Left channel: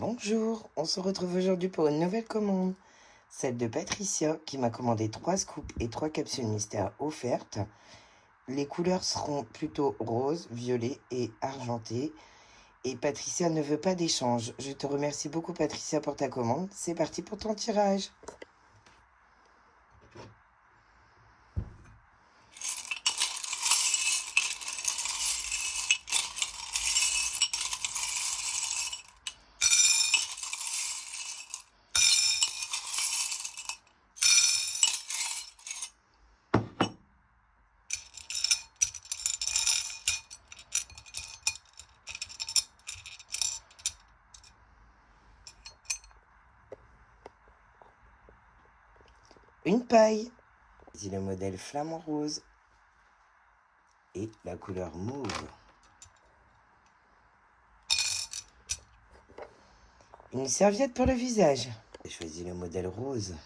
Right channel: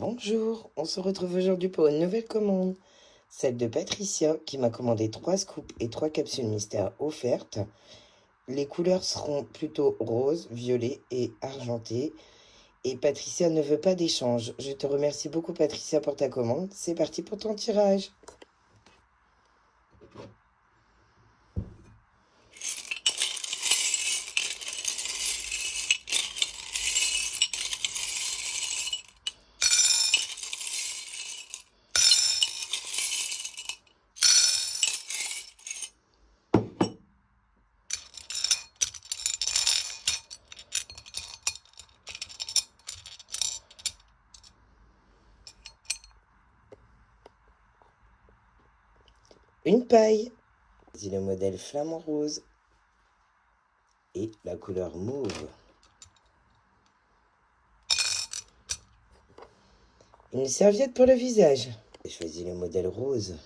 Bonjour, on se retrouve aujourd'hui pour une nouvelle commande, celle de Patricia qui m'a commandé 3 scoops et 3 capsules mystères offertes. Les couleurs seront plutôt rose, violet et argenté. Et Patricia ne veut pas d'échange. Je te remercie beaucoup Patricia pour ta commande. C'est parti pour ton tirage. Une paille. C'est le modèle flamant rose et la couleur mauve. Une serviette pour le visage. J'ai choisi le modèle rose.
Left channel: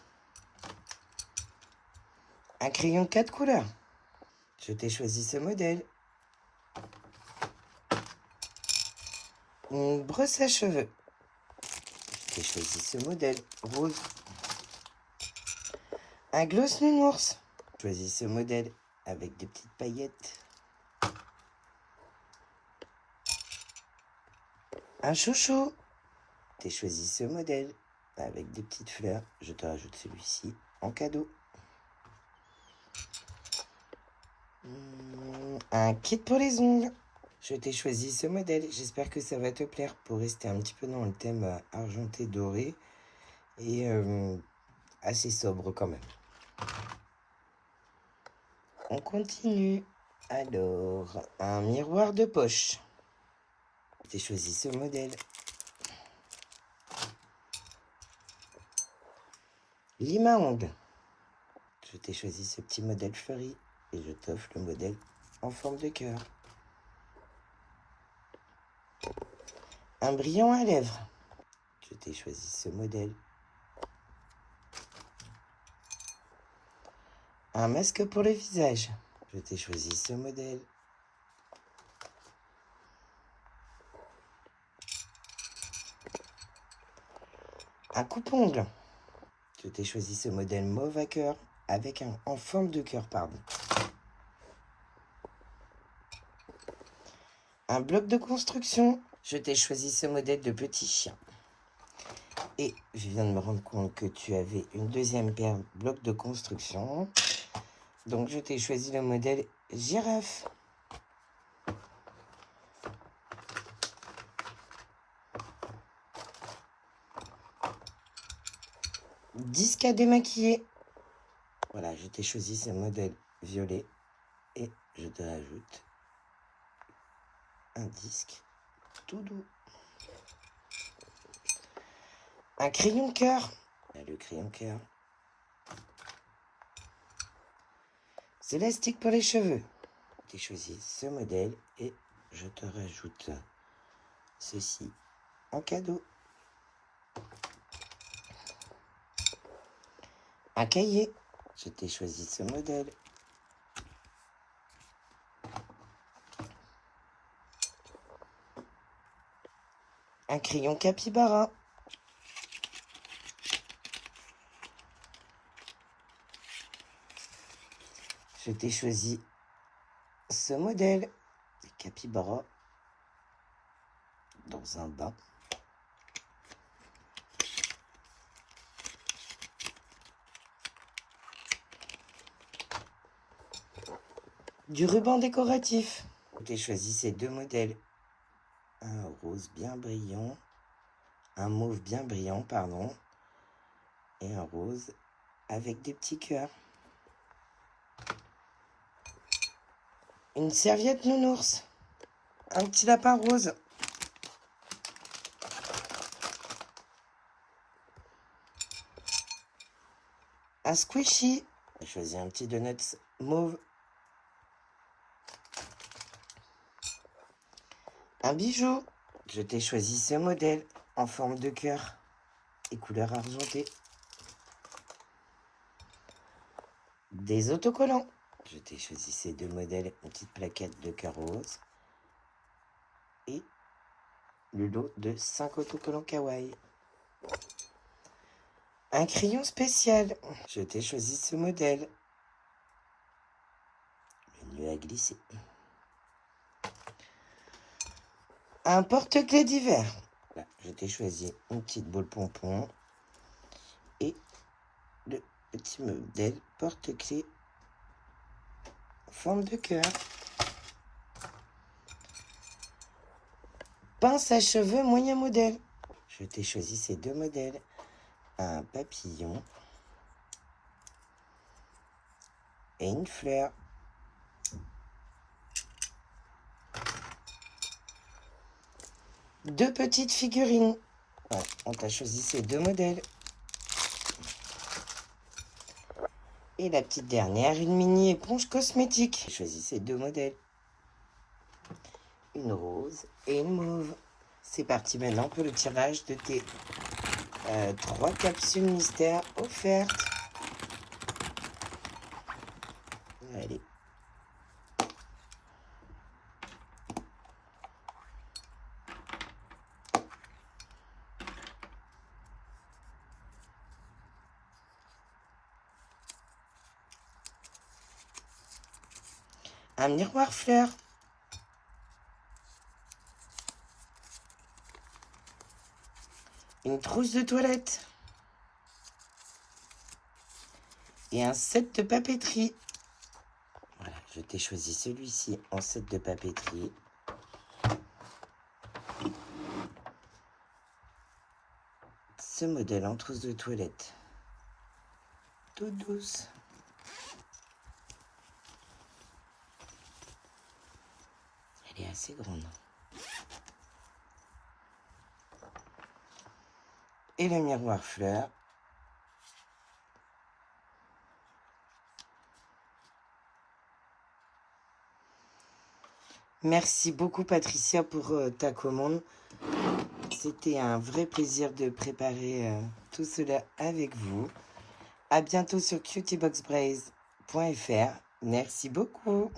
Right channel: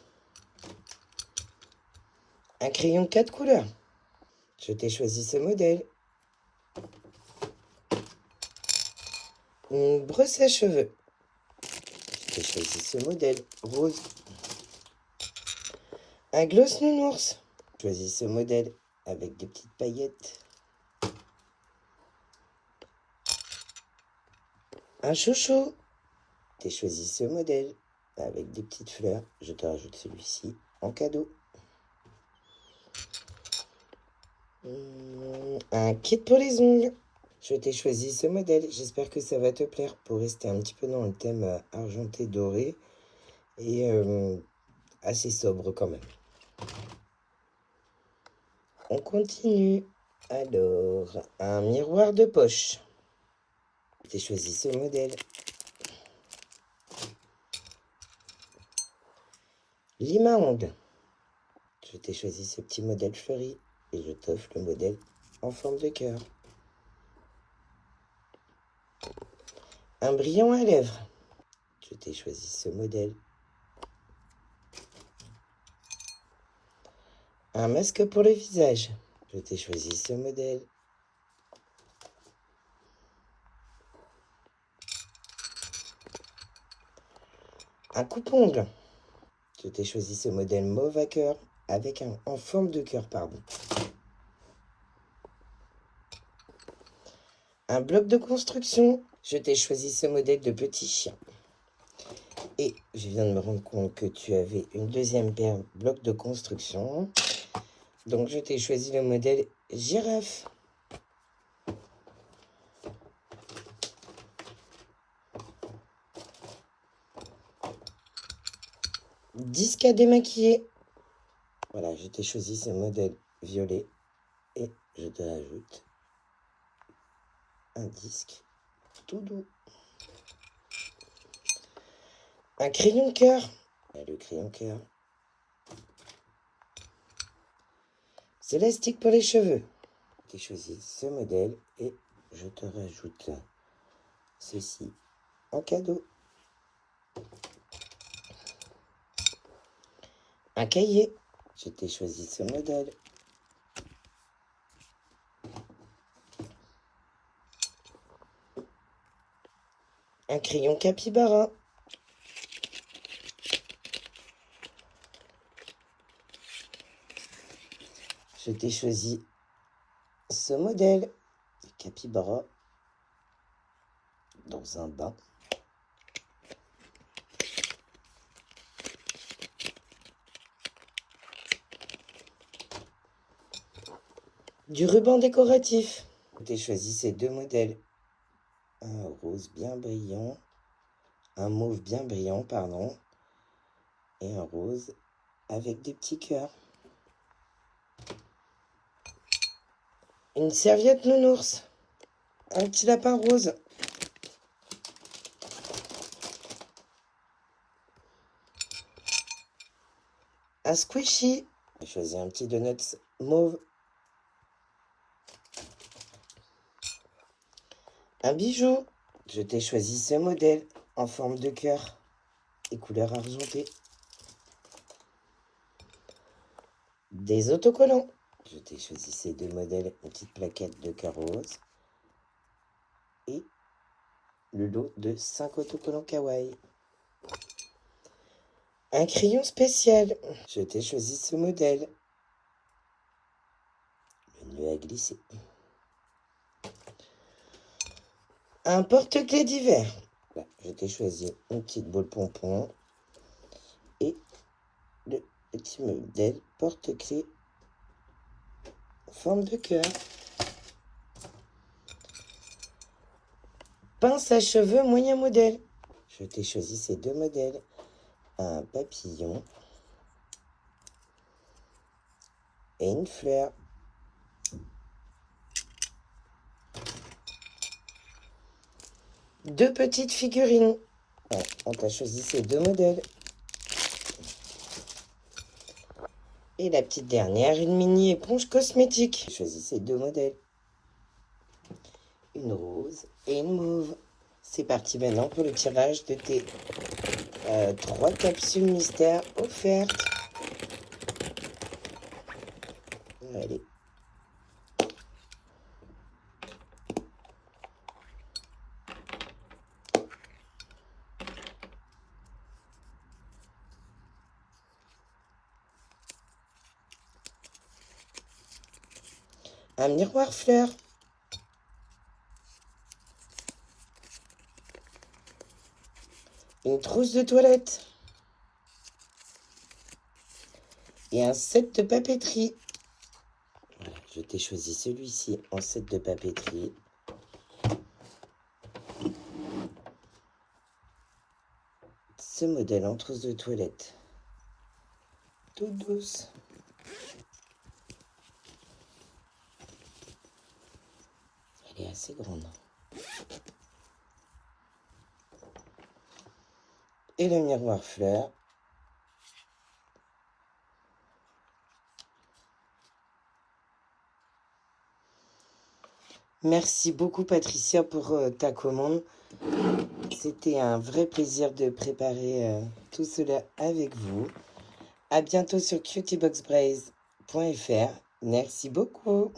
Un crayon de 4 couleurs. Je t'ai choisi ce modèle. Une brosse à cheveux. Je t'ai choisi ce modèle rose. Un gloss nounours. Choisis ce modèle avec des petites paillettes. Un chouchou. T'as choisi ce modèle avec des petites fleurs. Je te rajoute celui-ci en cadeau. Un kit pour les ongles. Je t'ai choisi ce modèle. J'espère que ça va te plaire pour rester un petit peu dans le thème argenté doré et assez sobre quand même. On continue. Alors, un miroir de poche. J'ai choisi ce modèle. Lime à ongles. Je t'ai choisi ce petit modèle fleuri et je t'offre le modèle en forme de cœur. Un brillant à lèvres. Je t'ai choisi ce modèle. Un masque pour le visage. Je t'ai choisi ce modèle. Un coupe-ongle. Je t'ai choisi ce modèle mauve à cœur avec en forme de cœur, pardon. Un bloc de construction. Je t'ai choisi ce modèle de petit chien. Et je viens de me rendre compte que tu avais une deuxième paire de blocs de construction. Donc je t'ai choisi le modèle girafe. Disque à démaquiller. Voilà, je t'ai choisi ce modèle violet. Et je te rajoute un disque tout doux. Un crayon cœur. Le crayon cœur. C'est l'élastique pour les cheveux. J'ai choisi ce modèle et je te rajoute ceci en cadeau. Un cahier. Je t'ai choisi ce modèle. Un crayon capybara. Je t'ai choisi ce modèle de capybara dans un bain. Du ruban décoratif. J'ai choisi ces deux modèles. Un rose bien brillant, un mauve bien brillant, pardon, et un rose avec des petits cœurs. Une serviette nounours. Un petit lapin rose. Un squishy. J'ai choisi un petit donuts mauve. Un bijou. Je t'ai choisi ce modèle en forme de cœur et couleur argentée. Des autocollants. Je t'ai choisi ces deux modèles, une petite plaquette de cœur rose et le lot de 5 autocollants kawaii. Un crayon spécial. Je t'ai choisi ce modèle. Le nœud à glisser. Un porte-clés d'hiver. Là, je t'ai choisi une petite boule pompon et le petit modèle porte-clés forme de cœur. Pince à cheveux moyen modèle. Je t'ai choisi ces deux modèles. Un papillon et une fleur. Deux petites figurines. On t'a choisi ces deux modèles. Et la petite dernière, une mini éponge cosmétique. J'ai choisi ces deux modèles. Une rose et une mauve. C'est parti maintenant pour le tirage de tes 3 capsules mystères offertes. Allez. Un miroir fleur. Une trousse de toilette. Et un set de papeterie. Voilà, je t'ai choisi celui-ci en set de papeterie. Ce modèle en trousse de toilette. Toute douce. Elle est assez grande. Et le miroir fleur. Merci beaucoup Patricia pour ta commande. C'était un vrai plaisir de préparer tout cela avec vous. À bientôt sur cutieboxbraise.fr. Merci beaucoup.